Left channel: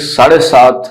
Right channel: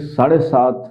7:30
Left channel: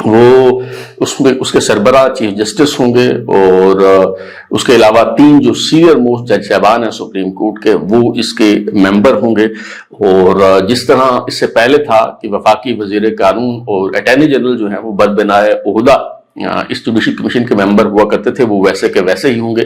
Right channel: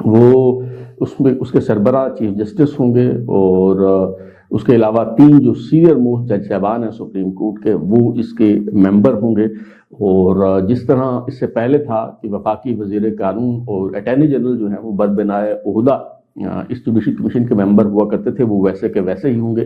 وہ اس کے سربراہ چیف جسٹس ہوں گے، اور اس کے علاوہ 3 جو سینئر موسٹ جج صاحبان ہیں سپریم کورٹ کے وہ اس کے ممبر ہوں گے۔ اور جس طرح اس سے پہلے تھا کہ وفاقی وزیر قانون اور اٹارنی جنرل جو ہیں وہ بدبنائے عہدہ اس جوڈیشل کمیشن کے ممبر ہوا کرتے تھے، وہ ویسے کے ویسے ہی ہوں گے۔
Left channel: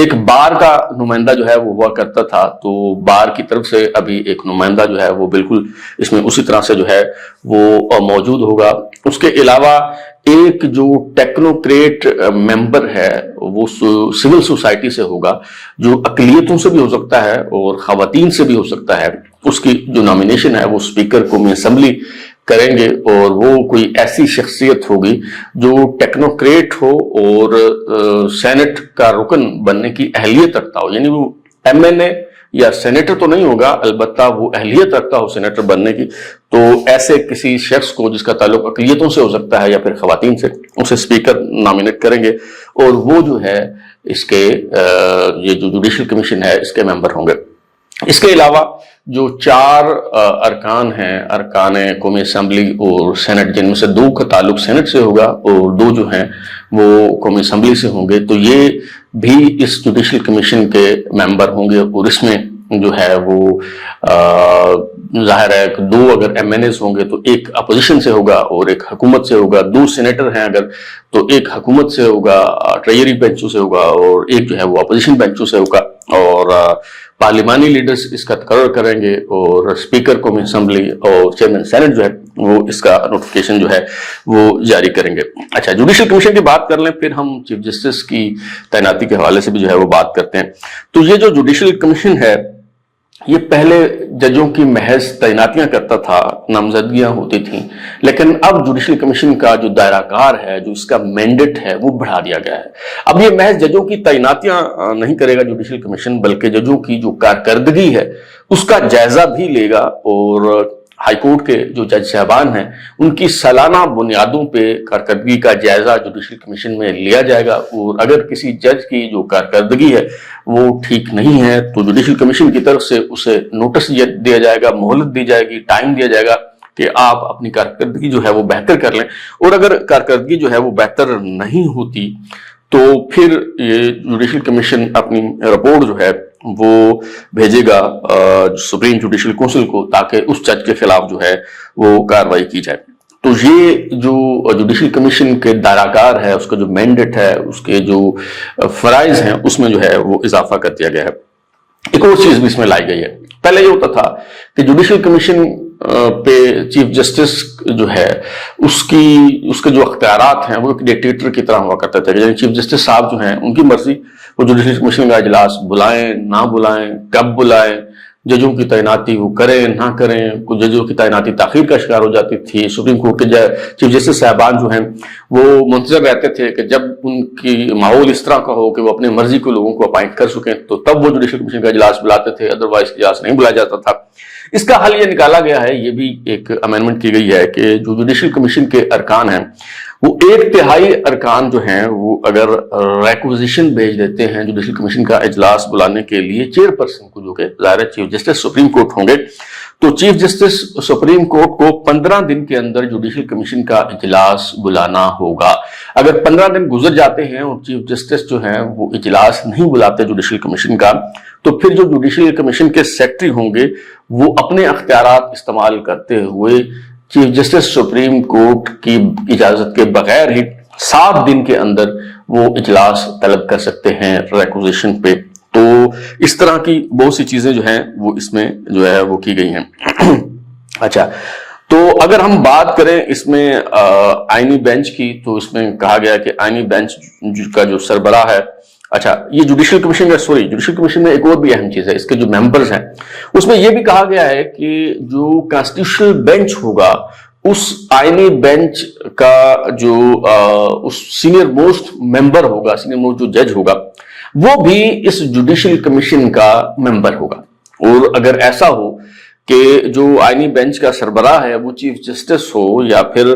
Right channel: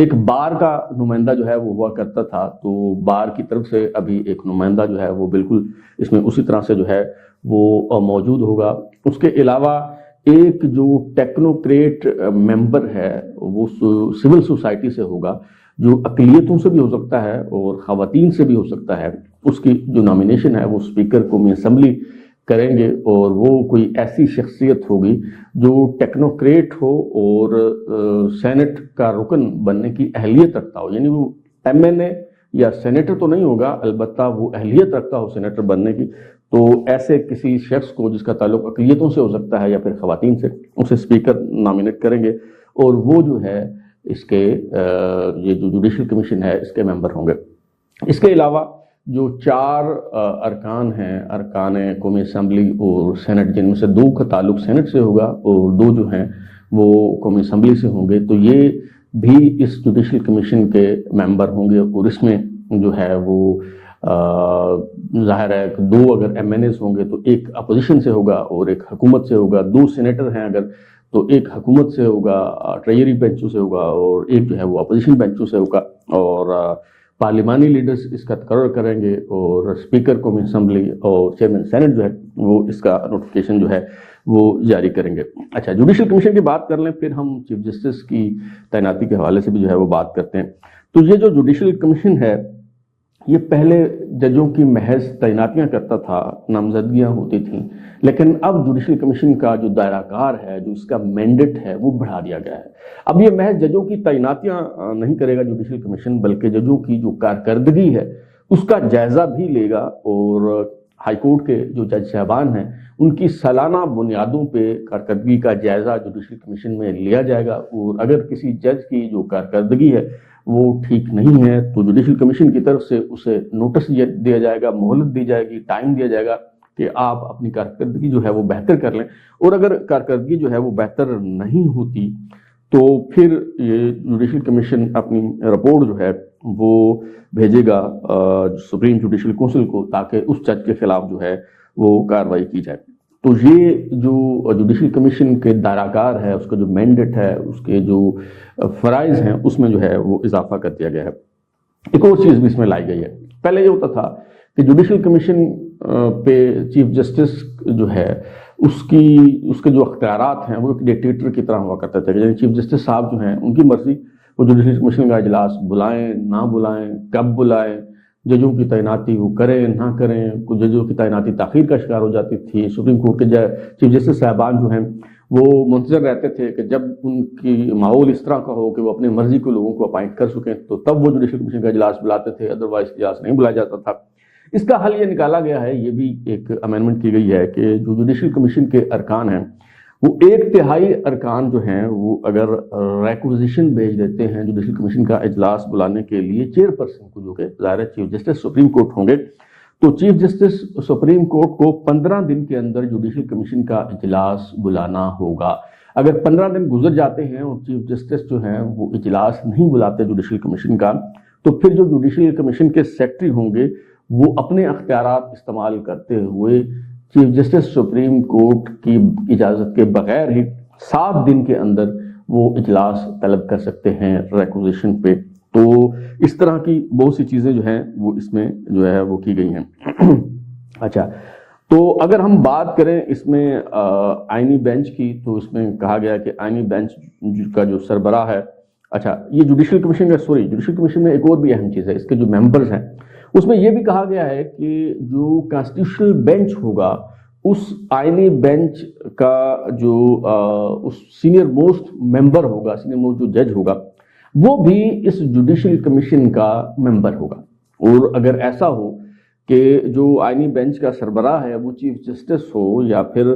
ایک بار کا نمائندہ جو ہے وہ ہوا کرتا تھا، تو بار کی طرف سے ابھی ایک نمائندہ جو ہے وہ بالکل اس میں اسی طرح سے جو ہے وہ موجود ہوگا۔ اس کے علاوہ ایک جو ٹیکنوکریٹ ممبر ہے وہ سول سوسائٹی سے ہوگا، جو اقلیتوں سے بھی ہو سکتا ہے اور خواتین سے بھی ہو سکتا ہے۔ اس کی جو نامینیشن ہے وہ اسپیکر قومی اسمبلی کریں گے، اور وہ کوئی ایسی شخصیت ہوگی جو ٹیکنوکریٹ ہو اور سینٹ کا رکن بننے کی اہلیت رکھتا ہو، یعنی وہ ایم این اے یا سینیٹر تو نہیں ہوگا، البتہ وہ اہلیت رکھتا ہو سینیٹر بننے کی۔ تو ایسے کسی شخص کو جس کا تعلق اقلیتوں سے ہو سکتا ہے یا پھر خواتین سے، اسے اسپیکر نامینیٹ کریں گے، اور وہ جو ہے اس کے یہ جو جوڈیشل کمیشن ہے اس کے ممبر ہوں گے۔ اس کے علاوہ جو 4 ارکان ہیں، ارکان قومی اسمبلی اور سینٹ، جن میں سے 2 کا تعلق سینٹ سے ہوگا اور 2 جو ہیں وہ قومی اسمبلی سے ہوں گے، تو یہ بھی اس جوڈیشل کمیشن کے ممبر ہوں گے۔ اور اس میں جو ہے وہ ظاہر ہے کہ 2 اگر ایم این ایز ہوں گے تو ایک اپوزیشن سے ہوگا اور ایک حکومت سے ہوگا، 2 سینیٹر ہیں اگر تو ایک حکومت سے ہوگا، ٹریجری بینچوں سے ہوگا، اور ایک جو ہے وہ اپوزیشن بینچوں سے ہوگا۔ اور پارلیمانی لیڈرز اس کا تقرر کریں گے، اور اسپیکر قومی اسمبلی اور چیئرمین سینٹ جو ہے وہ اس کا نوٹیفیکیشن جو ہے وہ جاری کریں گے۔ اچھا، جوڈیشل کمیشن کی بات کر لیں، پھر ہم چیف جسٹس کی تعیناتی کے حوالے سے بھی جو ہے وہ بات کرتے ہیں۔ تو یہ جو جوڈیشل کمیشن ہے یہ پہلے ججوں کی محض تعیناتیاں کرتا تھا، نامزدگیاں ہوتی تھیں، لیکن اب جوڈیشل کمیشن کا جو دائرہ کار ہے، جو اس کا مینڈیٹ ہے، وہ بڑھا دیا گیا ہے۔ اب یہ محض ججوں کی تعیناتیاں نہیں کرے گا جوڈیشل کمیشن، بلکہ ججوں کی جو کارکردگی ہے اس کا جائزہ بھی لے گا، اور ہائی کورٹ کے جو جج صاحبان ہیں ان کی سالانہ بنیادوں پہ کارکردگی کا جائزہ جوڈیشل کمیشن میں لیا جائے گا، اور اگر کسی جج کی جو کارکردگی ہے وہ ٹھیک نہیں ہے تو جوڈیشل کمیشن کی طرف سے اسے نوٹس دیا جائے گا، مہلت دی جائے گی، ٹائم دیا جائے گا کہ آپ اپنی کارکردگی جو ہے وہ بہتر کر لیں۔ اور اگر کارکردگی جو ہے وہ بہتر نہیں ہوتی تو پھر یہ جوڈیشل کمیشن اپنی رپورٹ جو ہے وہ بھیجے گا سپریم جوڈیشل کونسل کو، تاکہ اس جج کے خلاف جو ہے وہ کارروائی کی جائے۔ تو یہ جو جوڈیشل کمیشن کے دائرہ کار ہے، اس کا جو مینڈیٹ ہے، اس کے جو فرائض ہیں، اس میں جو ہے وہ اضافہ کر دیا گیا ہے۔ ایک اور چیز بھی اس میں لائی گئی ہے۔ پہلے یہ ہوتا تھا کہ جوڈیشل کمیشن پہ چیف جسٹس جو ہے اس کے جو اختیارات ہیں وہ ایک ڈکٹیٹر کی طرح ہوا کرتے تھے، یعنی چیف جسٹس صاحب جو ہیں ان کی مرضی، وہ جوڈیشل کمیشن کا اجلاس بلائیں نہ بلائیں، کب بلائیں، ججوں کی تعیناتی وہ کریں نہ کریں۔ کچھ ججوں کی تعیناتی تاخیر کا شکار ہو جاتی تھی۔ سپریم کورٹ کے چیف جسٹس صاحبان جو ہیں وہ منتظر رہتے تھے کہ جب ان کی ماحول اس طرح کا ہو کہ وہ اپنے مرضی کے لوگوں کو اپائنٹ کر سکیں تو تب وہ جوڈیشل کمیشن کا اجلاس بلاتے تھے، ادروائز اجلاس نہیں بلایا جاتا تھا۔ اس کا حل یہ نکالا گیا ہے، یہ بھی ایک امینڈمنٹ کی گئی ہے کہ جو جوڈیشل کمیشن کے ارکان ہیں وہ 1/3 ارکان جو ہیں وہ اگر ریکوزیشن بھیج دیتے ہیں جوڈیشل کمیشن کا اجلاس بلانے کے لیے چیئرپرسن کو، جو کہ ظاہر چیف جسٹس سپریم کورٹ ہوں گے، تو چیف جسٹس سپریم کورٹ کو 15 دن کے اندر جوڈیشل کمیشن کا اجلاس بلانا ہوگا۔ اگر 15 دن گزر جاتے ہیں اور چیف جسٹس جو ہیں وہ اجلاس نہیں بلاتے جوڈیشل کمیشن کا، تو پھر جو جوڈیشل کمیشن کے سیکرٹری ہوں گے وہ اپنے اختیارات استعمال کرتے ہوئے چیف جسٹس سپریم کورٹ کی اجازت کے بغیر ہی 7 دن کے اندر وہ اجلاس طلب کر سکتے ہیں ریکوزیشن پہ۔ تو اس طرح کی بہت سی چیزیں جو ہیں وہ اس میں جو ہے وہ کی گئی ہیں۔ اچھا، تو اگر ہم بات کریں اس میں آئینی بینچ کی، تو اس میں کہا گیا کہ آئینی بینچ کا جو سربراہ ہے، اچھا یہ جوڈیشل کمیشن میں ایک اور بھی اہم چیز ہے، اس کے جو ممبرز ہیں اس میں یہ بھی کہا گیا ہے کہ جو کانسٹیٹیوشنل بینچ ہوگا اس آئینی بینچ کا جو اس سینئر موسٹ ممبر ہوگا، سینئر موسٹ جو جج ہوگا، وہ بھی اس جوڈیشل کمیشن کا ممبر ہوگا۔ اور اگر ایسا ہو کہ جو آئینی بینچ کا سربراہ ہے وہ چیف جسٹس ہو یا پھر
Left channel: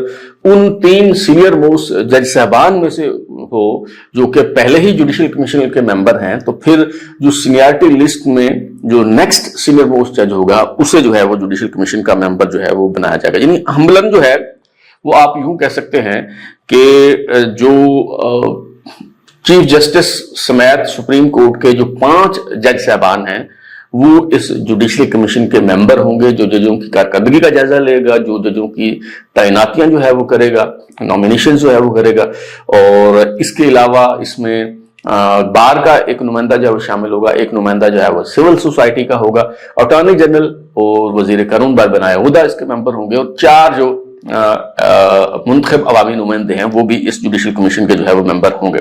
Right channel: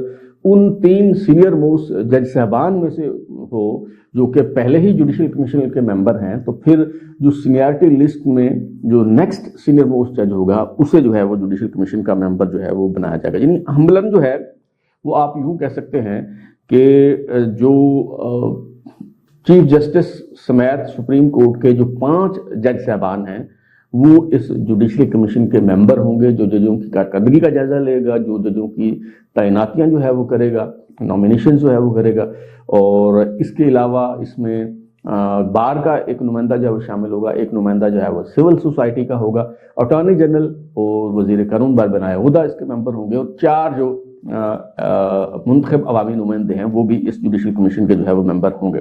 ان 3 سینئر موسٹ جج صاحبان میں سے ہو جو کہ پہلے ہی جوڈیشل کمیشن کے ممبر ہیں، تو پھر جو سینیارٹی لسٹ میں جو نیکسٹ سینئر موسٹ جج ہوگا اسے جو ہے وہ جوڈیشل کمیشن کا ممبر جو ہے وہ بنایا جائے گا۔ یعنی ہمبلن جو ہے وہ آپ یوں کہہ سکتے ہیں کہ جو چیف جسٹس سمیت سپریم کورٹ کے جو 5 جج صاحبان ہیں وہ اس جوڈیشل کمیشن کے ممبر ہوں گے، جو ججوں کی کارکردگی کا جائزہ لے گا، جو ججوں کی تعیناتیاں جو ہے وہ کرے گا، نامینیشن جو ہے وہ کرے گا، اور اس کے علاوہ اس میں بار کا ایک نمائندہ جو ہے وہ شامل ہوگا، ایک نمائندہ جو ہے وہ سول سوسائٹی کا ہوگا، اٹارنی جنرل اور وزیر قانون بار بنایا عہدہ اس کے ممبر ہوں گے، اور 4 جو منتخب عوامی نمائندے ہیں وہ بھی اس جوڈیشل کمیشن کے جو ہے وہ ممبر ہوں گے۔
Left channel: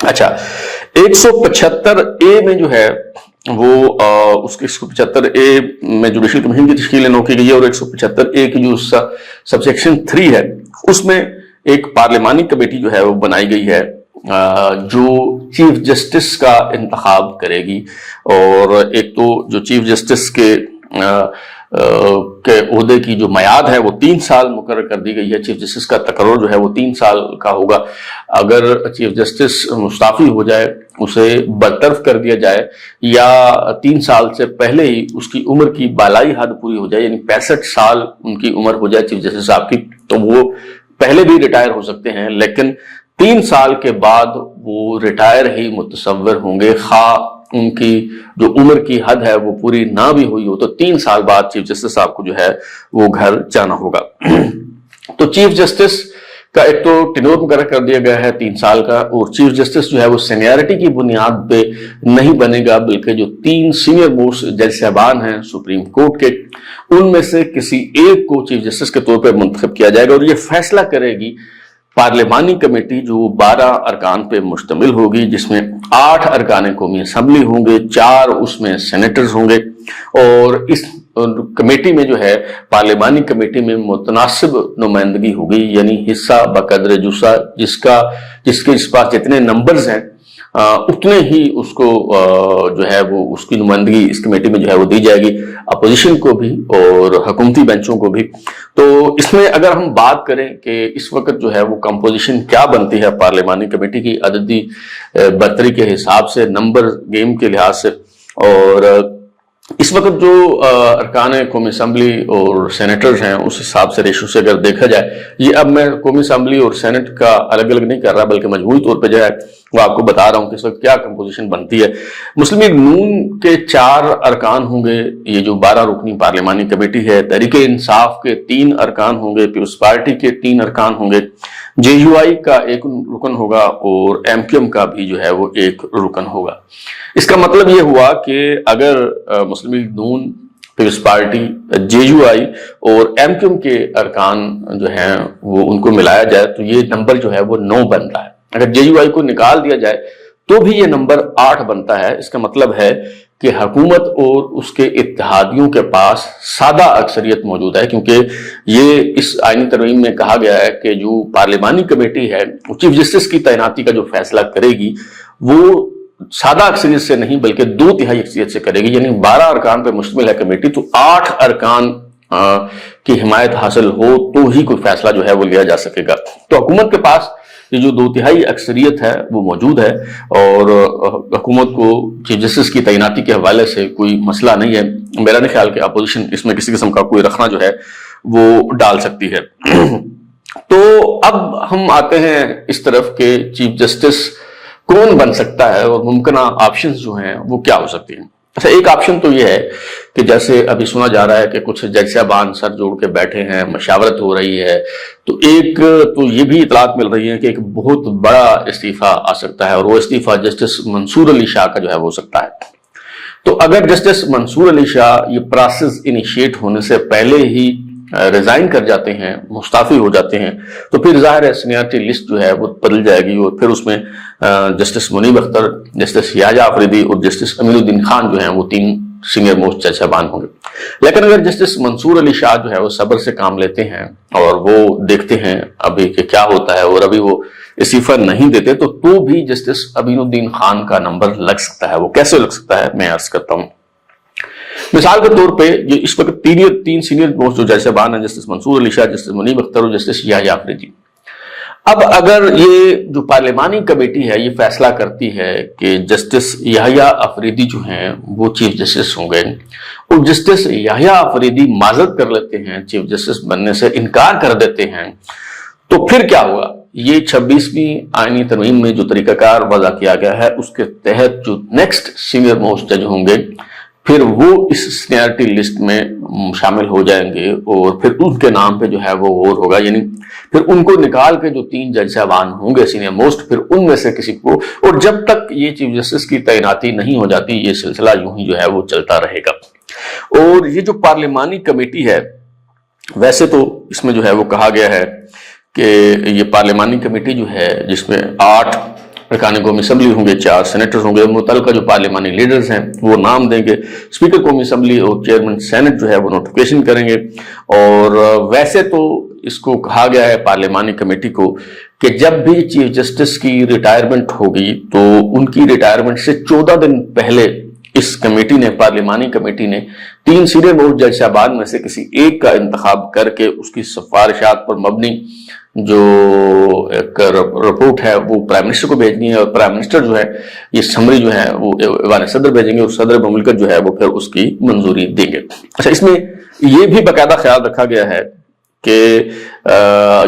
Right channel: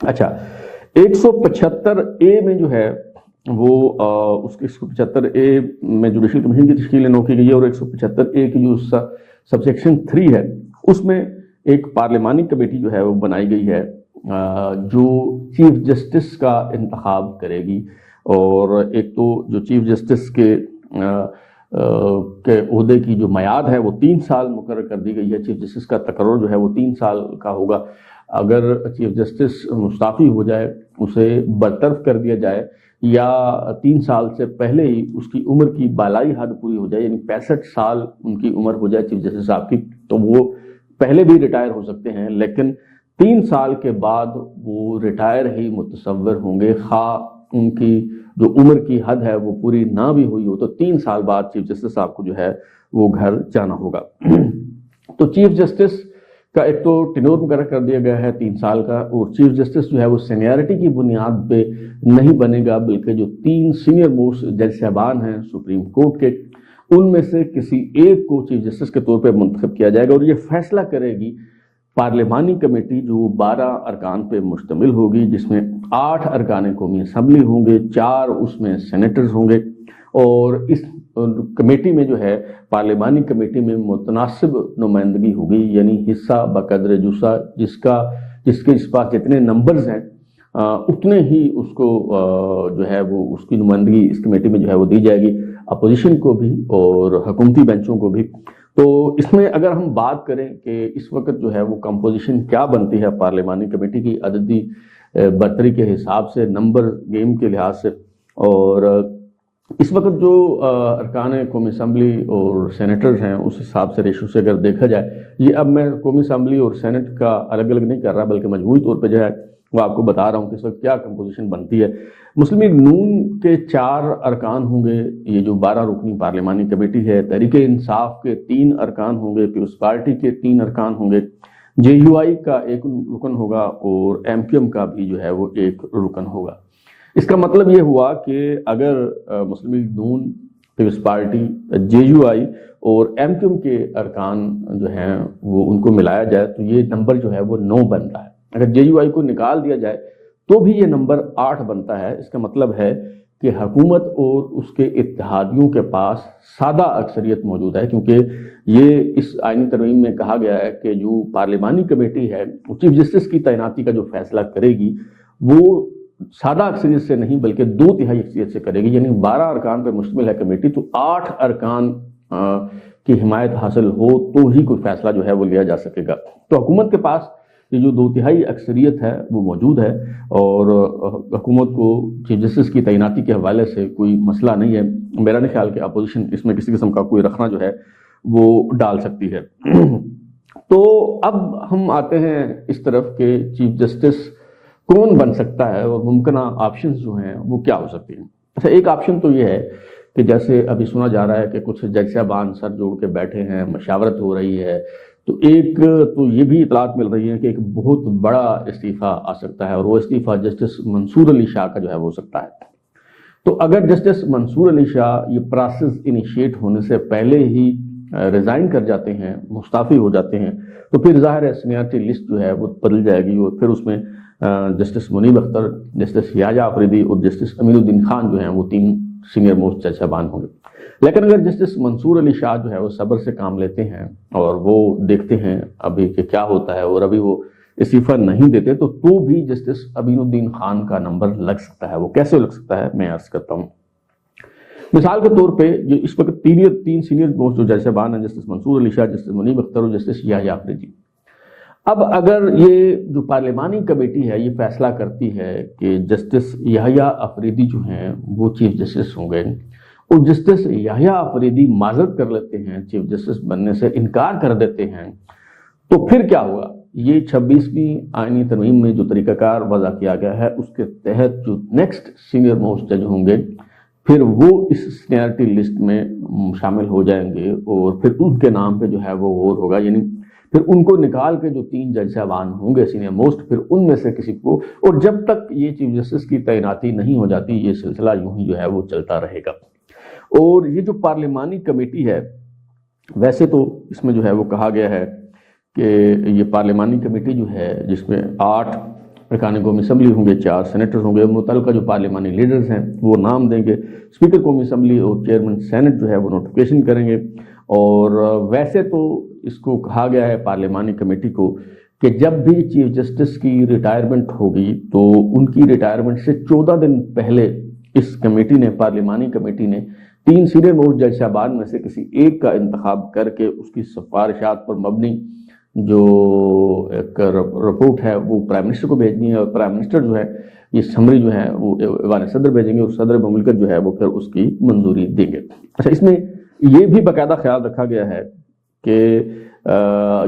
اچھا، 175A میں جو ہے وہ اس کے 175A میں جوڈیشل کمیشن کی تشکیل نو کی گئی ہے، اور 175A کی جو سب سیکشن 3 ہے اس میں ایک پارلیمانی کمیٹی جو ہے وہ بنائی گئی ہے جو چیف جسٹس کا انتخاب کرے گی، اور ایک تو جو چیف جسٹس کے عہدے کی جو میعاد ہے وہ 3 سال مقرر کر دی گئی ہے۔ چیف جسٹس کا تقرر جو ہے وہ 3 سال کا ہوگا۔ اگر چیف جسٹس مستعفی ہو جائے، اسے برطرف کر دیا جائے، یا 3 سال سے پہلے ہی اس کی عمر کی بالائی حد پوری ہو جائے، یعنی 65 سال ان کی عمر ہو جائے چیف جسٹس صاحب کی، تو وہ پہلے بھی ریٹائر ہو سکتے ہیں، لیکن 3 سال کے بعد وہ ریٹائر ہی متصور ہوں گے، خواہ ان کی جو عمر کی حد ہے وہ پوری نہ بھی ہوئی ہو، تو 3 سال بعد چیف جسٹس صاحب کو جو ہے وہ گھر جانا ہوگا۔ تو چیف جسٹس کا ایک تو ٹینور مقرر کر دیا گیا ہے 3 سال کا، اور چیف جسٹس جو ہے وہ سینیارٹی کی بنیاد پہ نہیں بنے گا، بلکہ جو 3 سینئر موسٹ جج صاحبان ہیں سپریم کورٹ کے، ان میں سے کسی ایک کو چیف جسٹس کے طور پہ منتخب کیا جائے گا، اور یہ فیصلہ کرے گی پارلیمانی کمیٹی جو 12 ارکان پہ مشتمل ہوگی، جس میں 8 ارکان قومی اسمبلی ہوں گے، 4 اس میں سینیٹرز ہوں گے، اور اس کمیٹی میں جو ہے پارلیمانی کمیٹی میں متناسب نمائندگی ہوگی، یعنی حصہ بقدر جسہ، جس کے پاس جتنے نمبرز ہیں اتنے ہی اس کو جو ہے وہ اس کی نمائندگی اس کمیٹی میں جو ہے وہ دی جائے گی، اپوزیشن کو بھی اور حکومتی بینچوں کو بھی۔ تو اس میں اگر ہم بات کریں کہ اس وقت جو ہے وہ کمپوزیشن کیا بنتی ہے پارلیمانی کمیٹی کی عددی برتری کے حساب سے، نمبر گیم کے لحاظ سے، اور اس وقت جو ارکان قومی اسمبلی اور سینیٹرز ہیں اس حساب سے ریشو سے اگر دیکھا جائے، یہ اب میں قومی اسمبلی اور سینٹ کا الگ الگ نہیں کر رہا، بلکہ مجموعی طور پہ جو ہے وہ آپ کو بتا رہا ہوں کہ اس وقت کیا کمپوزیشن بنتی ہے۔ مسلم لیگ نون کے 4 ارکان ہوں گے، یہ جو 12 رکنی پارلیمانی کمیٹی ہے، تحریک انصاف کے 3 ارکان ہوں گے، پیپلز پارٹی کے 3 ارکان ہوں گے، جے یو آئی کا 1 رکن ہوگا، اور ایم کیو ایم کا بھی جو ہے وہ 1 رکن ہوگا۔ اس کا مطلب یہ ہوا کہ اگر مسلم لیگ نون، Peoples Party, J U I اور ایم کیو ایم کے ارکان جو ہیں وہ ان کو ملایا جائے تو یہ نمبر جو ہے وہ 9 بنتا ہے۔ اگر جے یو آئی کو نکال دیا جائے تو بھی یہ نمبر 8 بنتا ہے۔ اس کا مطلب ہے کہ حکومت اور اس کے اتحادیوں کے پاس سادہ اکثریت موجود ہے، کیونکہ یہ اس آئینی ترمیم میں کہا گیا ہے کہ جو پارلیمانی کمیٹی ہے چیف جسٹس کی تعیناتی کا جو فیصلہ کرے گی وہ سادہ اکثریت سے نہیں بلکہ 2/3 اکثریت سے کرے گی، یعنی 12 ارکان پر مشتمل ہے کمیٹی، تو 8 ارکان کی حمایت حاصل ہو تو ہی کوئی فیصلہ جو ہے وہ لیا جا سکے گا۔ تو حکومت کے پاس یہ جو 2/3 اکثریت ہے وہ موجود ہے، اور حکومت کو چیف جسٹس کی تعیناتی کے حوالے سے کوئی مسئلہ نہیں ہے۔ میرا نہیں خیال کہ اپوزیشن اس میں کسی قسم کا کوئی رکھنا جو ہے وہ ڈال سکتی ہے۔ تو اب ہم آتے ہیں اس طرف کہ چیف جسٹس کون بن سکتا ہے اور ممکنہ آپشنز جو ہیں وہ کیا ہو سکتی ہیں۔ اچھا، ایک آپشن تو یہ ہے کہ جیسے ابھی سنا جا رہا ہے کہ کچھ جج صاحبان سر جوڑ کے بیٹھے ہیں، مشاورت ہو رہی ہے، تو ایک تو یہ بھی اطلاعات مل رہی ہے کہ ایک بہت بڑا استعفیٰ آ سکتا ہے، اور وہ استعفیٰ جسٹس منصور علی شاہ کا جو ہے وہ ہو سکتا ہے۔ تو اگر جسٹس منصور علی شاہ یہ پروسیس انیشیٹ ہونے سے پہلے ہی ریزائن کر جاتے ہیں، مستعفی ہو جاتے ہیں، تو پھر ظاہر ہے سینیارٹی لسٹ جو ہے وہ بدل جائے گی، اور پھر اس میں جسٹس منیب اختر، جسٹس یحییٰ آفریدی اور جسٹس امین الدین خان جو ہیں وہ 3 سینئر موسٹ جج صاحبان ہوں گے۔ لیکن اگر جسٹس منصور علی شاہ جو ہے وہ صبر سے کام لیتے ہیں اور وہ دیکھتے ہیں ابھی کہ کیا ہوتا ہے، اور ابھی وہ استعفیٰ نہیں دیتے، تو بھی جسٹس امین الدین خان کا نمبر لگ سکتا ہے۔ وہ کیسے لگ سکتا ہے میں عرض کرتا ہوں۔ مثال کے طور پہ یہ اس وقت 3 سینئر موسٹ جو جج صاحبان ہیں، جسٹس منصور علی شاہ، جسٹس منیب اختر اور جسٹس یحییٰ آفریدی، اب اگر یہ جو پارلیمانی کمیٹی ہے یہ فیصلہ کرتی ہے کہ جسٹس یحییٰ افریدی جو ہیں وہ چیف جسٹس ہوں گے، اور جسٹس یحییٰ افریدی معذرت کر لیتے ہیں، چیف جسٹس بننے سے انکار کر دیتے ہیں، تو پھر کیا ہوگا؟ یہ 26ویں آئینی ترمیم میں جو طریقہ کار وضع کیا گیا ہے اس کے تحت جو نیکسٹ سینئر موسٹ جج ہوں گے پھر وہ اس سینئرٹی لسٹ میں شامل ہو جائیں گے، اور پھر ان کے نام پہ جو ہے وہ غور ہوگا، یعنی پھر ان کو نکال کے جو 3 جج صاحبان ہوں گے سینئر موسٹ، پھر ان میں سے کسی کو، اور جب تک یہ چیف جسٹس کی تعیناتی نہیں ہو جاتی یہ سلسلہ یوں ہی جو ہے وہ چلتا رہے گا۔ اور یہ جو پارلیمانی کمیٹی ہے ویسے تو اس میں جو ہے وہ کہا گیا ہے کہ یہ پارلیمانی کمیٹی جو ہے جس میں 8 ارکان قومی اسمبلی ہوں گے، 4 سینیٹرز ہوں گے، متعلقہ جو پارلیمانی لیڈرز ہیں وہ نام دیں گے، اسپیکر قومی اسمبلی اور چیئرمین سینٹ جو ہے وہ نوٹیفیکیشن کریں گے۔ اور ویسے تو اس کو کہا گیا ہے پارلیمانی کمیٹی کو کہ جب بھی چیف جسٹس کی ریٹائرمنٹ ہوگی تو ان کی ریٹائرمنٹ سے 14 دن پہلے اس کمیٹی نے، پارلیمانی کمیٹی نے 3 سینئر موسٹ جج صاحبان میں سے کسی ایک کا انتخاب کر کے اس کی سفارشات پر مبنی جو ایک رپورٹ ہے وہ پرائم منسٹر کو بھیجنی ہے، اور پرائم منسٹر جو ہے یہ سمری جو ہے وہ ایوان صدر بھیجیں گے، اور صدر مملکت جو ہے وہ پھر اس کی منظوری دیں گے۔ اچھا، اس میں یہ بھی باقاعدہ خیال رکھا گیا ہے کہ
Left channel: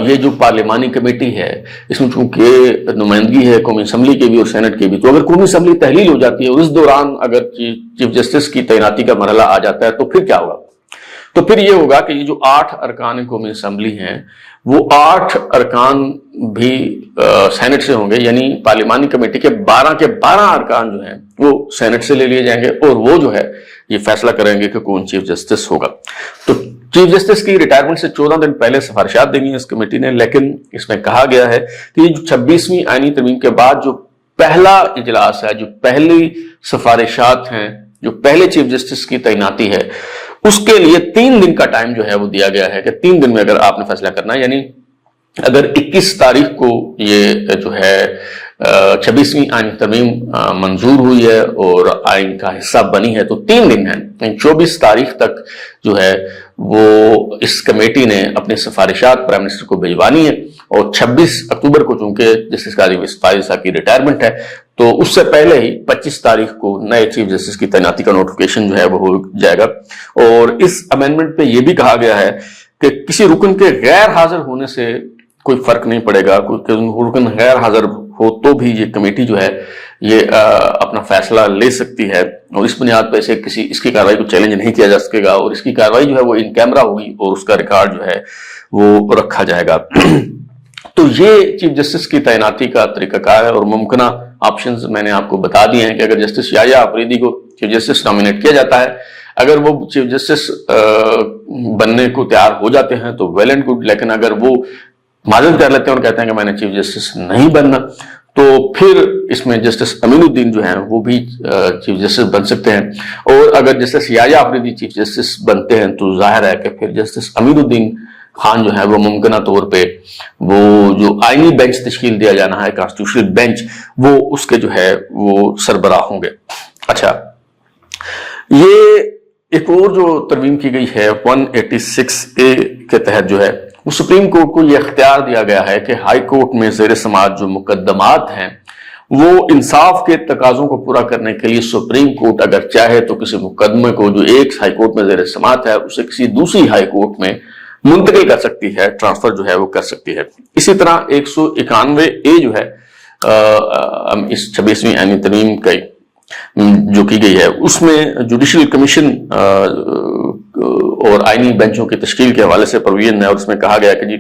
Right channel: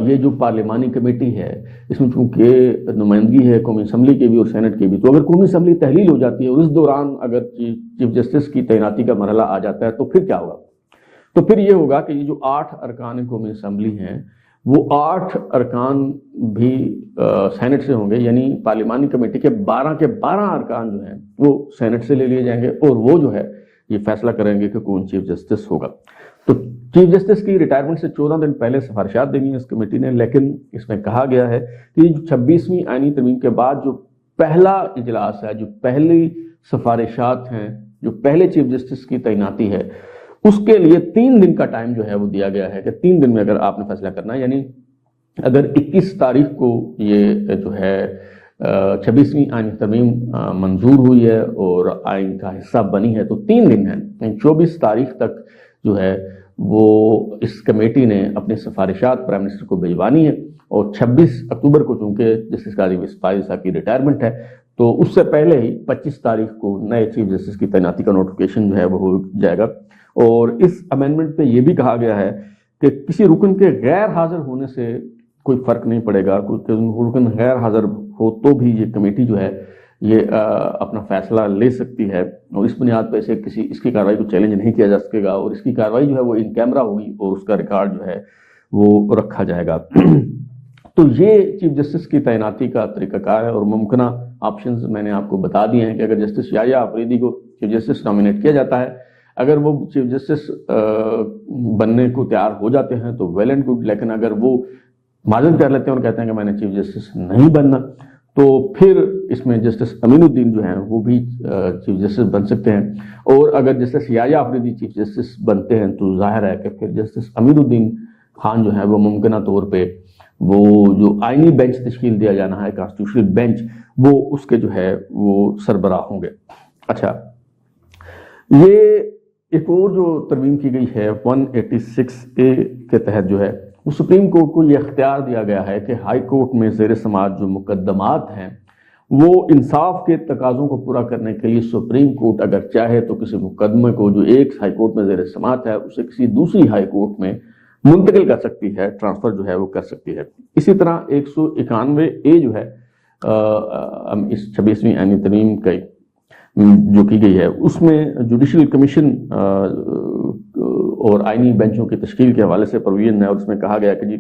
یہ جو پارلیمانی کمیٹی ہے اس میں چونکہ نمائندگی ہے قومی اسمبلی کے بھی اور سینٹ کے بھی، تو اگر قومی اسمبلی تحلیل ہو جاتی ہے اور اس دوران اگر چیف جسٹس کی تعیناتی کا مرحلہ آ جاتا ہے تو پھر کیا ہوگا؟ تو پھر یہ ہوگا کہ یہ جو 8 ارکان قومی اسمبلی ہیں وہ 8 ارکان بھی سینٹ سے ہوں گے، یعنی پارلیمانی کمیٹی کے 12 ارکان جو ہیں وہ سینٹ سے لے لیے جائیں گے، اور وہ جو ہے یہ فیصلہ کریں گے کہ کون چیف جسٹس ہوگا۔ تو چیف جسٹس کی ریٹائرمنٹ سے 14 دن پہلے سفارشات دیں گی اس کمیٹی نے، لیکن اس میں کہا گیا ہے کہ یہ جو 26ویں آئینی ترمیم کے بعد جو پہلا اجلاس ہے، جو پہلی سفارشات ہیں، جو پہلے چیف جسٹس کی تعیناتی ہے، اس کے لیے 3 دن کا ٹائم جو ہے وہ دیا گیا ہے کہ 3 دن میں اگر آپ نے فیصلہ کرنا ہے، یعنی اگر 21 تاریخ کو یہ جو ہے 26ویں آئین ترمیم منظور ہوئی ہے اور آئین کا حصہ بنی ہے تو 3 دن ہیں، یعنی 24 تاریخ تک جو ہے وہ اس کمیٹی نے اپنی سفارشات پرائم منسٹر کو بھجوانی ہے، اور 26 اکتوبر کو چونکہ جسٹس قاضی وسطائی صاحب کی ریٹائرمنٹ ہے تو اس سے پہلے ہی 25 تاریخ کو نئے چیف جسٹس کی تعیناتی کا نوٹیفیکیشن جو ہے وہ ہو جائے گا۔ اور اس امینڈمنٹ پہ یہ بھی کہا گیا ہے کہ کسی رکن کے غیر حاضر ہونے سے کوئی فرق نہیں پڑے گا، کوئی رکن غیر حاضر ہو تو بھی یہ کمیٹی جو ہے یہ اپنا فیصلہ لے سکتی ہے، اور اس بنیاد پہ اس کی کارروائی کو چیلنج نہیں کیا جا سکے گا، اور اس کی کارروائی جو ہے وہ ان کیمرہ ہوگی اور اس کا ریکارڈ جو ہے وہ رکھا جائے گا۔ تو یہ چیف جسٹس کی تعیناتی کا طریقہ کار ہے، اور ممکنہ آپشنز میں نے آپ کو بتا دیے ہیں کہ اگر جسٹس یحییٰ افریدی کو چیف جسٹس نامینیٹ کیا جاتا ہے، اگر وہ چیف جسٹس بننے کو تیار ہو جاتے ہیں تو ویل اینڈ گڈ، لیکن اگر وہ معذرت کر لیتے ہیں اور کہتے ہیں کہ میں نے چیف جسٹس نہیں بننا، تو پھر اس میں جسٹس امین الدین جو ہیں وہ بھی چیف جسٹس بن سکتے ہیں، اور اگر جسٹس یحییٰ افریدی چیف جسٹس بنتے ہیں تو ظاہر ہے کہ پھر جسٹس امین الدین خان جو ہے وہ ممکنہ طور پہ وہ جو آئینی بینچ تشکیل دیا جانا ہے، کانسٹیٹیوشنل بینچ، وہ اس کے جو ہے وہ سربراہ ہوں گے۔ اچھا، یہ ایک اور جو ترمیم کی گئی ہے 186A کے تحت جو ہے وہ سپریم کورٹ کو یہ اختیار دیا گیا ہے کہ ہائی کورٹ میں زیر سماعت جو مقدمات ہیں وہ انصاف کے تقاضوں کو پورا کرنے کے لیے سپریم کورٹ اگر چاہے تو کسی مقدمے کو جو ایک ہائی کورٹ میں زیر سماعت ہے اسے کسی دوسری ہائی کورٹ میں منتقل کر سکتی ہے، ٹرانسفر جو ہے وہ کر سکتی ہے۔ اسی طرح 191A جو ہے اس 26ویں آئینی ترمیم کا جو کی گئی ہے اس میں جوڈیشل کمیشن اور آئینی بینچوں کی تشکیل کے حوالے سے پروویژن ہے، اور اس میں کہا گیا کہ جی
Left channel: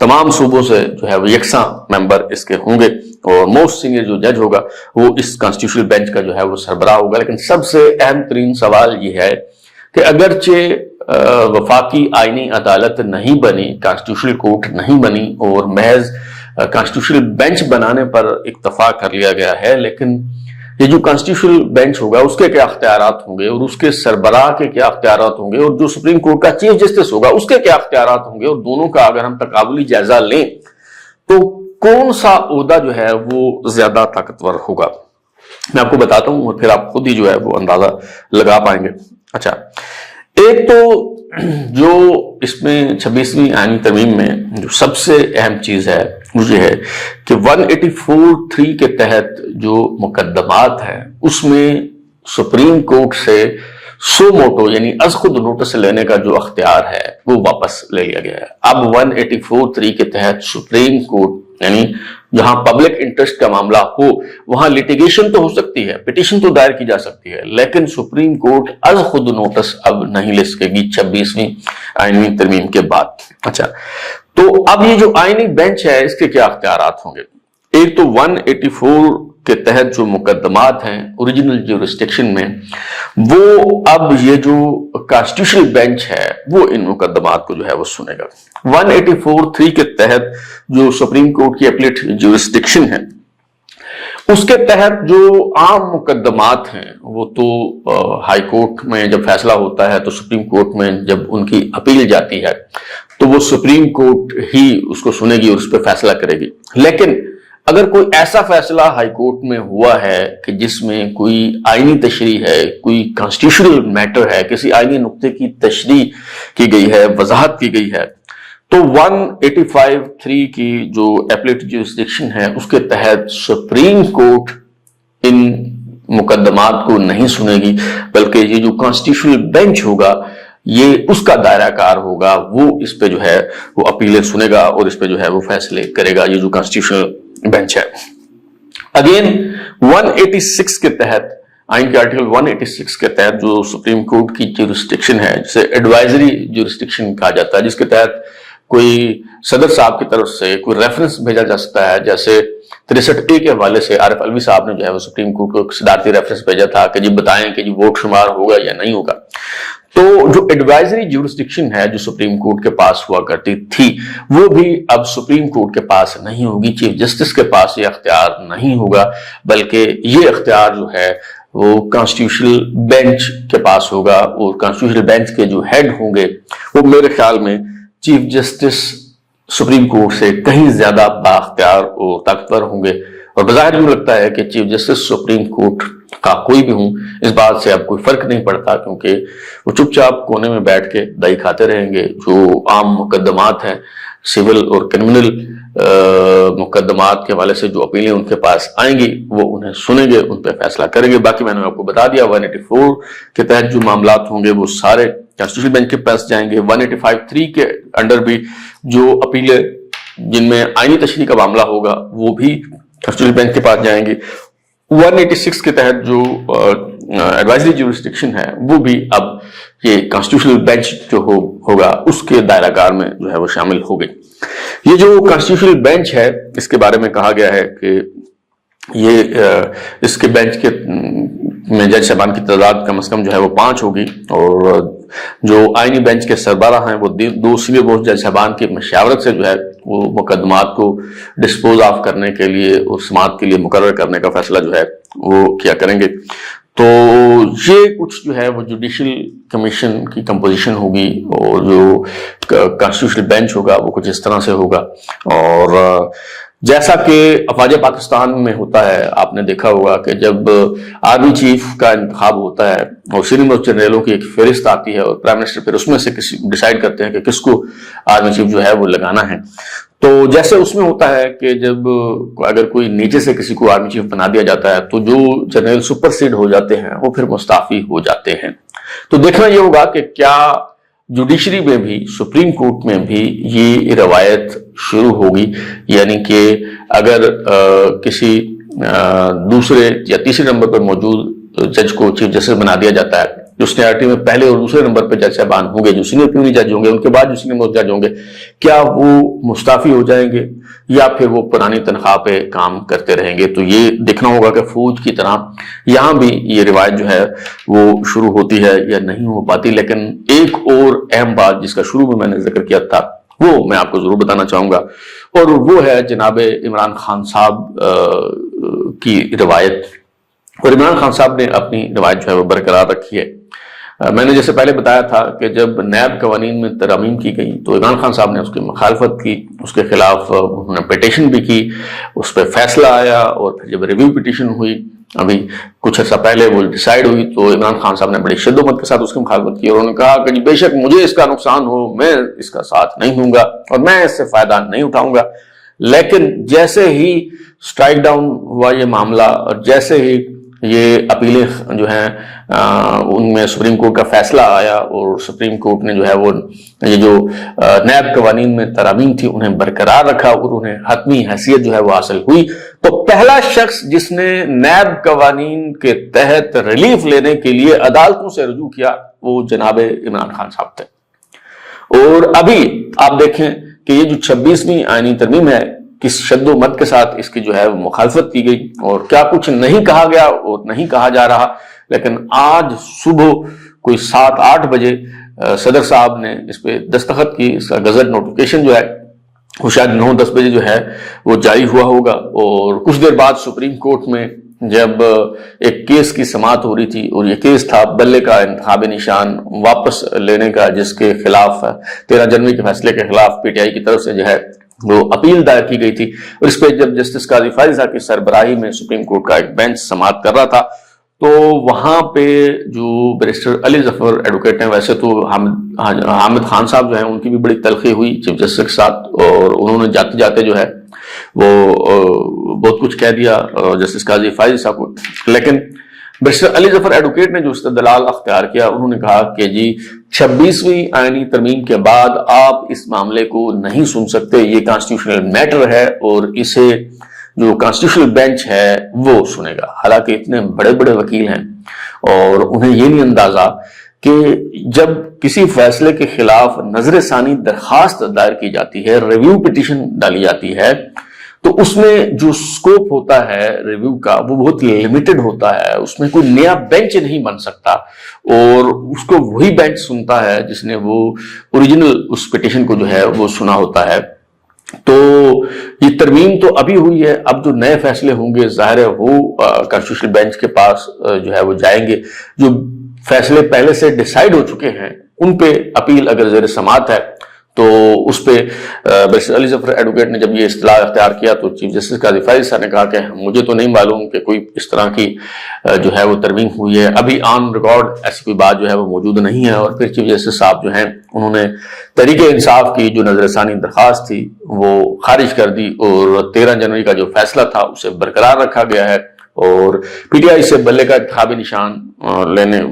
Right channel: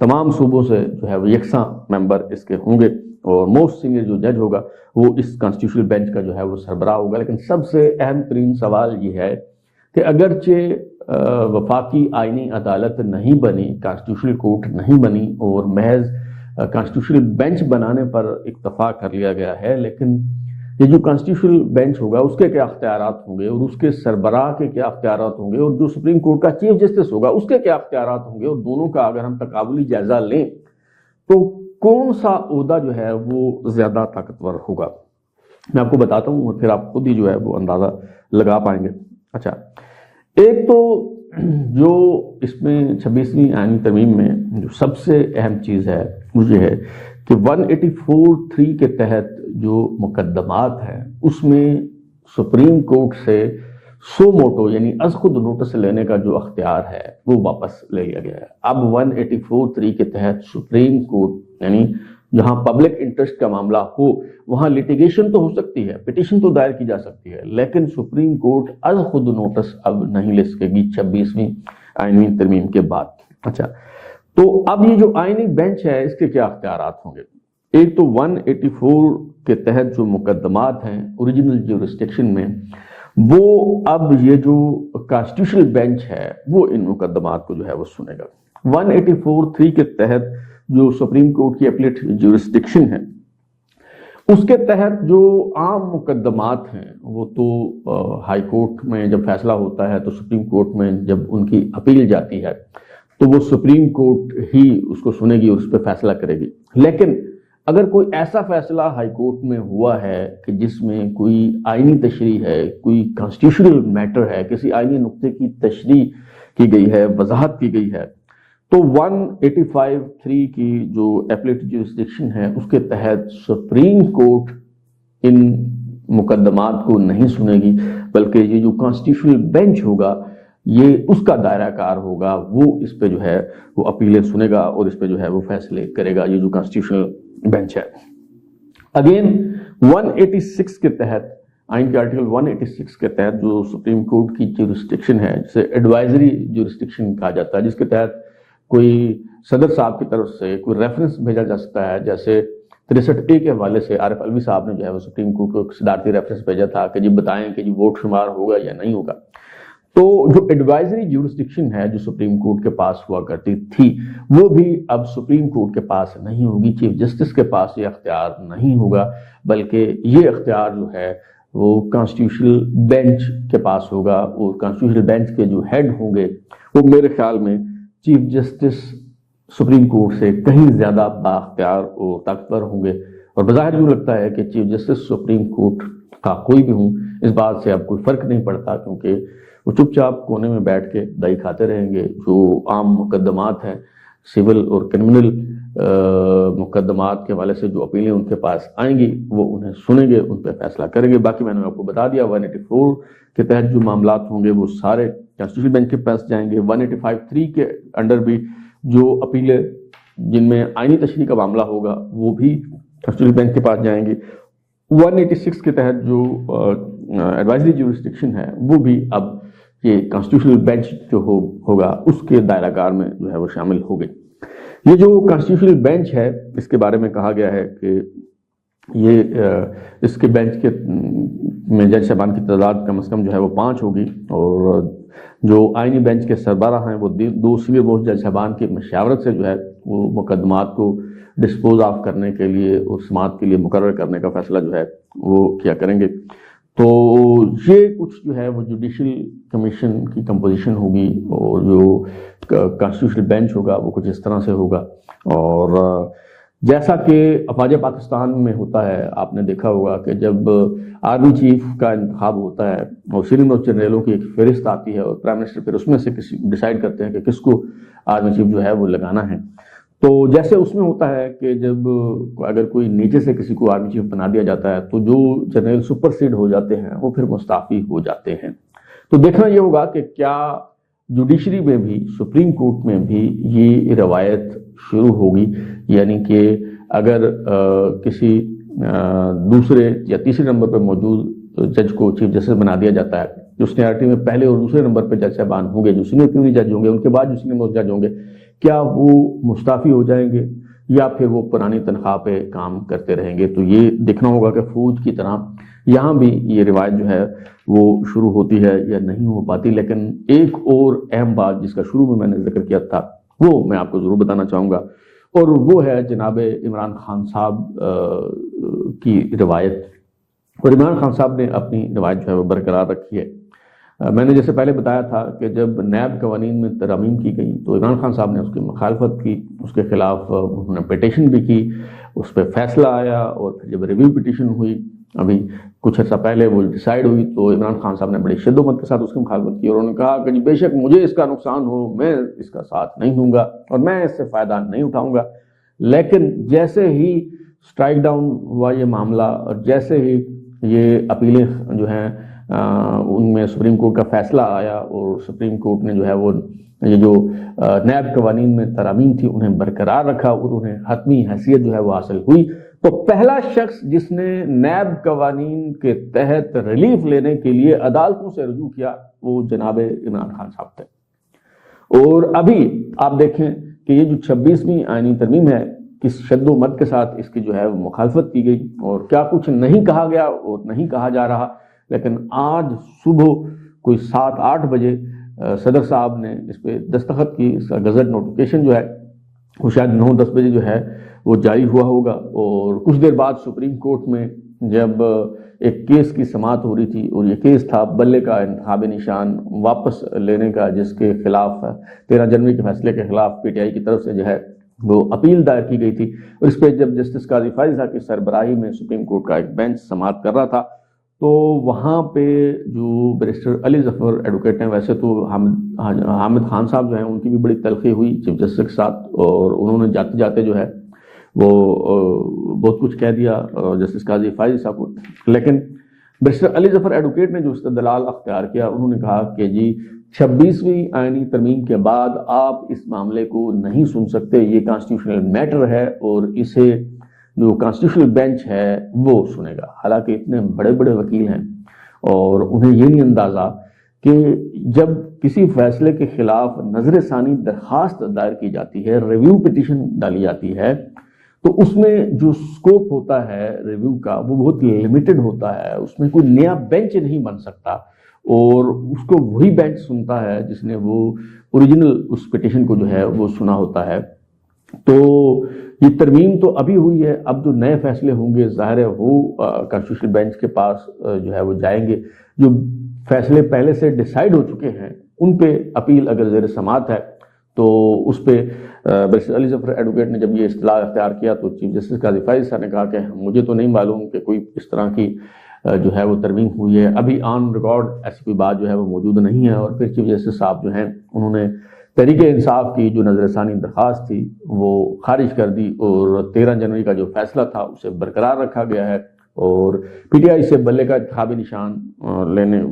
تمام صوبوں سے جو ہے وہ یکساں ممبر اس کے ہوں گے، اور موسٹ سینئر جو جج ہوگا وہ اس کانسٹیٹیوشنل بینچ کا جو ہے وہ سربراہ ہوگا۔ لیکن سب سے اہم ترین سوال یہ ہے کہ اگرچہ وفاقی آئینی عدالت نہیں بنی، کانسٹیٹیوشنل کورٹ نہیں بنی، اور محض کانسٹیٹیوشنل بینچ بنانے پر اکتفا کر لیا گیا ہے، لیکن یہ جو کانسٹیٹیوشنل بینچ ہوگا اس کے کیا اختیارات ہوں گے، اور اس کے سربراہ کے کیا اختیارات ہوں گے، اور جو سپریم کورٹ کا چیف جسٹس ہوگا اس کے کیا اختیارات ہوں گے، اور دونوں کا اگر ہم تقابلی جائزہ لیں تو کون سا عہدہ جو ہے وہ زیادہ طاقتور ہوگا، میں آپ کو بتاتا ہوں اور پھر آپ خود ہی جو ہے وہ اندازہ لگا پائیں گے۔ اچھا، ایک تو جو اس میں 26ویں آئینی ترمیم میں جو سب سے اہم چیز ہے وہ یہ ہے کہ 184(3) کے تحت جو مقدمات ہیں اس میں سپریم کورٹ سے سو موٹو یعنی از خود نوٹس لینے کا جو اختیار ہے وہ واپس لے لیا گیا ہے۔ اب 184(3) کے تحت سپریم کورٹ یعنی جہاں پبلک انٹرسٹ کا معاملہ ہو وہاں لیٹیگیشن تو ہو سکتی ہے، پٹیشن تو دائر کی جا سکتی ہے، لیکن سپریم کورٹ از خود نوٹس اب نہیں لے سکے گی 26ویں آئینی ترمیم کے بعد۔ اچھا، تو اب یہ جو آئینی بینچ ہے اس کے کیا اختیارات ہوں گے؟ ایک تو 184 کے تحت جو مقدمات ہیں اوریجنل جیورسڈکشن میں، وہ اب یہ جو کانسٹیٹیوشنل بینچ ہے وہ ان مقدمات کو جو ہے وہ سنے گا۔ 184(3) کے تحت جو سپریم کورٹ کی اپیلیٹ جیورسڈکشن ہے اس کے تحت جو عام مقدمات ہیں وہ تو ہائی کورٹ میں جب فیصلہ ہوتا ہے تو سپریم کورٹ میں جب ان کی اپیل جاتی ہے تو وہ سپریم کورٹ ہی اس کو سنے گی اور اس پہ فیصلہ کرے گی۔ لیکن اگر کوئی ایسا فیصلہ ہائی کورٹ میں ہوا ہے کہ جس میں کوئی آئینی تشریح ہے، کوئی کانسٹیٹیوشنل میٹر ہے، کسی آئینی نقطے کی تشریح کی گئی ہے، وضاحت کی گئی ہے، تو 185(3) کی جو اپیلیٹ جیورسڈکشن ہے اس کے تحت سپریم کورٹ ان مقدمات کو نہیں سنے گی، بلکہ یہ جو کانسٹیٹیوشنل بینچ ہوگا یہ اس کا دائرہ کار ہوگا، وہ اس پہ جو ہے وہ اپیلیں سنے گا اور اس پہ جو ہے وہ فیصلے کرے گا، یہ جو کانسٹیٹیوشنل بینچ ہے۔ اگین 186 کے تحت، آئین کے آرٹیکل 186 کے تحت جو سپریم کورٹ کی جیورسڈکشن ہے جسے ایڈوائزری جیورسڈکشن کہا جاتا ہے، جس کے تحت کوئی صدر صاحب کی طرف سے کوئی ریفرنس بھیجا جا سکتا ہے، جیسے 63A کے حوالے سے عارف علوی صاحب نے جو ہے وہ سپریم کورٹ کو صدارتی ریفرنس بھیجا تھا کہ جی بتائیں کہ جی ووٹ شمار ہوگا یا نہیں ہوگا۔ تو جو ایڈوائزری جیورسڈکشن ہے جو سپریم کورٹ کے پاس ہوا کرتی تھی وہ بھی اب سپریم کورٹ کے پاس نہیں ہوگی، چیف جسٹس کے پاس یہ اختیار نہیں ہوگا، بلکہ یہ اختیار جو ہے وہ کانسٹیٹیوشنل بینچ کے پاس ہوگا، اور کانسٹیٹیوشنل بینچ کے جو ہیڈ ہوں گے وہ میرے خیال میں چیف جسٹس سپریم کورٹ سے کہیں زیادہ بااختیار اور طاقتور ہوں گے، اور بظاہر یوں لگتا ہے کہ چیف جسٹس سپریم کورٹ کا کوئی بھی ہوں اس بات سے اب کوئی فرق نہیں پڑتا، کیونکہ وہ چپ چاپ کونے میں بیٹھ کے دہی کھاتے رہیں گے۔ جو عام مقدمات ہیں، سول اور کرمنل مقدمات کے حوالے سے جو اپیلیں ان کے پاس آئیں گی وہ انہیں سنیں گے، ان پہ فیصلہ کریں گے۔ باقی میں نے آپ کو بتا دیا 184 کے تحت جو معاملات ہوں گے وہ سارے کانسٹیٹیوشنل بینچ کے پاس جائیں گے۔ 185(3) کے انڈر بھی جو اپیلیں جن میں آئینی تشریح کا معاملہ ہوگا وہ بھی کانسٹیٹیوشنل بینچ کے پاس جائیں گے۔ 186 کے تحت جو ایڈوائزری جیورسڈکشن ہے وہ بھی اب یہ کانسٹیٹیوشنل بینچ جو ہوگا اس کے دائرہ کار میں جو ہے وہ شامل ہو گئی۔ یہ جو کانسٹیٹیوشنل بینچ ہے اس کے بارے میں کہا گیا ہے کہ یہ اس کے بینچ کے میں جج صاحبان کی تعداد کم از کم جو ہے وہ 5 ہوگی، اور جو آئینی بینچ کے سربراہ ہیں وہ 2 سینئر موسٹ جج صاحبان کی مشاورت سے جو ہے وہ مقدمات کو ڈسپوز آف کرنے کے لیے اور سماعت کے لیے مقرر کرنے کا فیصلہ جو ہے وہ کیا کریں گے۔ تو یہ کچھ جو ہے وہ جوڈیشل کمیشن کی کمپوزیشن ہوگی، اور جو کانسٹیٹیوشنل بینچ ہوگا وہ کچھ اس طرح سے ہوگا۔ اور جیسا کہ افواج پاکستان میں ہوتا ہے، آپ نے دیکھا ہوگا کہ جب آرمی چیف کا انتخاب ہوتا ہے اور سینئر موسٹ جنرلوں کی ایک فہرست آتی ہے اور پرائم منسٹر پھر اس میں سے ڈیسائیڈ کرتے ہیں کہ کس کو آرمی چیف جو ہے وہ لگانا ہے، تو جیسے اس میں ہوتا ہے کہ جب اگر کوئی نیچے سے کسی کو آرمی چیف بنا دیا جاتا ہے تو جو جنرل سپر سیڈ ہو جاتے ہیں وہ پھر مستعفی ہو جاتے ہیں۔ تو دیکھنا یہ ہوگا کہ کیا جوڈیشری میں بھی، سپریم کورٹ میں بھی یہ روایت شروع ہوگی، یعنی کہ اگر کسی دوسرے یا تیسرے نمبر پر موجود جج کو چیف جسٹس بنا دیا جاتا ہے، جو سینیارٹی میں پہلے اور دوسرے نمبر پہ جج صاحبان ہوں گے، جو سینئر پیونی جج ہوں گے، ان کے بعد جو سینئر موسٹ جج ہوں گے، کیا وہ مستعفی ہو جائیں گے یا پھر وہ پرانی تنخواہ پہ کام کرتے رہیں گے؟ تو یہ دیکھنا ہوگا کہ فوج کی طرح یہاں بھی یہ روایت جو ہے وہ شروع ہوتی ہے یا نہیں ہو پاتی۔ لیکن ایک اور اہم بات جس کا شروع میں نے ذکر کیا تھا وہ میں آپ کو ضرور بتانا چاہوں گا، اور وہ ہے جناب عمران خان صاحب کی روایت۔ اور عمران خان صاحب نے اپنی روایت جو ہے وہ برقرار رکھی ہے۔ میں نے جیسے پہلے بتایا تھا کہ جب نیب قوانین میں ترامیم کی گئی تو عمران خان صاحب نے اس کی مخالفت کی، اس کے خلاف انہوں نے پٹیشن بھی کی، اس پہ فیصلہ آیا، اور پھر جب ریویو پٹیشن ہوئی ابھی کچھ عرصہ پہلے وہ ڈیسائیڈ ہوئی تو عمران خان صاحب نے بڑی شدت کے ساتھ اس کی مخالفت کی اور انہوں نے کہا کہ بے شک مجھے اس کا نقصان ہو میں اس کا ساتھ نہیں دوں گا اور میں اس سے فائدہ نہیں اٹھاؤں گا. لیکن جیسے ہی سٹرائک ڈاؤن ہوا یہ معاملہ اور جیسے ہی یہ اپیلیں جو ہیں ان میں سپریم کورٹ کا فیصلہ آیا اور سپریم کورٹ نے جو ہے وہ یہ جو نیب قوانین میں ترامیم تھی انہیں برقرار رکھا اور انہیں حتمی حیثیت جو ہے وہ حاصل ہوئی, تو پہلا شخص جس نے نیب قوانین کے تحت ریلیف لینے کے لیے عدالتوں سے رجوع کیا وہ جناب عمران خان صاحب تھے. اور ابھی آپ دیکھیں کہ یہ جو 26ویں آئینی ترمیم ہے کس شد و مد کے ساتھ اس کی جو ہے وہ مخالفت کی گئی اور کیا کچھ نہیں کہا گیا اور نہیں کہا جا رہا, لیکن آج صبح کوئی 7-8 بجے صدر صاحب نے اس پہ دستخط کی. اس کا گزٹ نوٹیفیکیشن جو ہے وہ شاید 9-10 بجے جو ہے وہ جاری ہوا ہوگا اور کچھ دیر بعد سپریم کورٹ میں جب ایک کیس کی سماعت ہو رہی تھی اور یہ کیس تھا بلے کا انتخابی نشان واپس لینے کا جس کے خلاف 13 جنوری کے فیصلے کے خلاف پی ٹی آئی کی طرف سے جو ہے وہ اپیل دائر کی گئی تھی, اور اس پہ جب جسٹس قاضی فائز صاحب کی سربراہی میں سپریم کورٹ کا ایک بینچ سماعت کر رہا تھا تو وہاں پہ جو بیرسٹر علی ظفر ایڈوکیٹ ہیں, ویسے تو حامد خان صاحب جو ہیں ان کی بھی بڑی تلخی ہوئی چیف جسٹس کے ساتھ اور انہوں نے جاتے جاتے جو ہے وہ بہت کچھ کہہ دیا جسٹس قاضی فائز صاحب کو, لیکن بیرسٹر علی ظفر ایڈوکیٹ نے جو استدلال اختیار کیا انہوں نے کہا کہ جی 26ویں آئینی ترمیم کے بعد آپ اس معاملے کو نہیں سن سکتے, یہ کانسٹیٹیوشنل میٹر ہے اور اسے جو کانسٹیٹیوشنل بینچ ہے وہ سنے گا. حالانکہ اتنے بڑے بڑے وکیل ہیں اور انہیں یہ نہیں اندازہ کہ جب کسی فیصلے کے خلاف نظر ثانی درخواست دائر کی جاتی ہے, ریویو پٹیشن ڈالی جاتی ہے, تو اس میں جو سکوپ ہوتا ہے ریویو کا وہ بہت لیمیٹڈ ہوتا ہے, اس میں کوئی نیا بینچ نہیں بن سکتا اور اس کو وہی بینچ سنتا ہے جس نے وہ اوریجنل اس پٹیشن کو جو ہے وہ سنا ہوتا ہے. تو یہ ترمیم تو ابھی ہوئی ہے, اب جو نئے فیصلے ہوں گے ظاہر ہے وہ کانسٹیٹیوشنل بینچ کے پاس جو ہے وہ جائیں گے. جو فیصلے پہلے سے ڈیسائیڈ ہو چکے ہیں ان پہ اپیل اگر زیر سماعت ہے تو اس پہ بیرسٹر علی ظفر ایڈوکیٹ نے جب یہ اصطلاح اختیار کیا تو چیف جسٹس قاضی فائز صاحب نے کہا کہ مجھے تو نہیں معلوم کہ کوئی اس طرح کی جو ہے وہ ترمیم ہوئی ہے, ابھی آن ریکارڈ ایسی کوئی بات جو ہے وہ موجود نہیں ہے. اور پھر چیف جسٹس صاحب جو ہیں انہوں نے تحریک انصاف کی جو نظر ثانی درخواست تھی وہ خارج کر دی اور 13 جنوری کا جو فیصلہ تھا اسے برقرار رکھا گیا ہے اور پی ٹی آئی سے بلے کا انتخابی نشان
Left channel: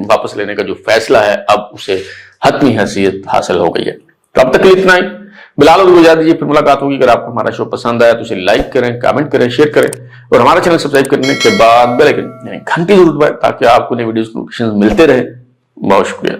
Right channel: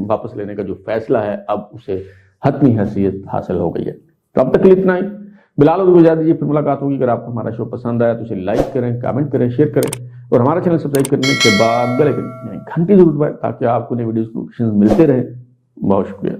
واپس لینے کا جو فیصلہ ہے اب اسے حتمی حیثیت حاصل ہو گئی ہے. تو اب تک اتنا ہی. بلال اور گزار دیجیے, پھر ملاقات ہوگی. اگر آپ کو ہمارا شو پسند آیا تو اسے لائک کریں, کامنٹ کریں, شیئر کریں اور ہمارا چینل سبسکرائب کرنے کے بعد بیل آئیکن یعنی گھنٹی ضرور دبائیں تاکہ آپ کو نئی ویڈیوز نوٹیفیکیشن ملتے رہے. بہت شکریہ.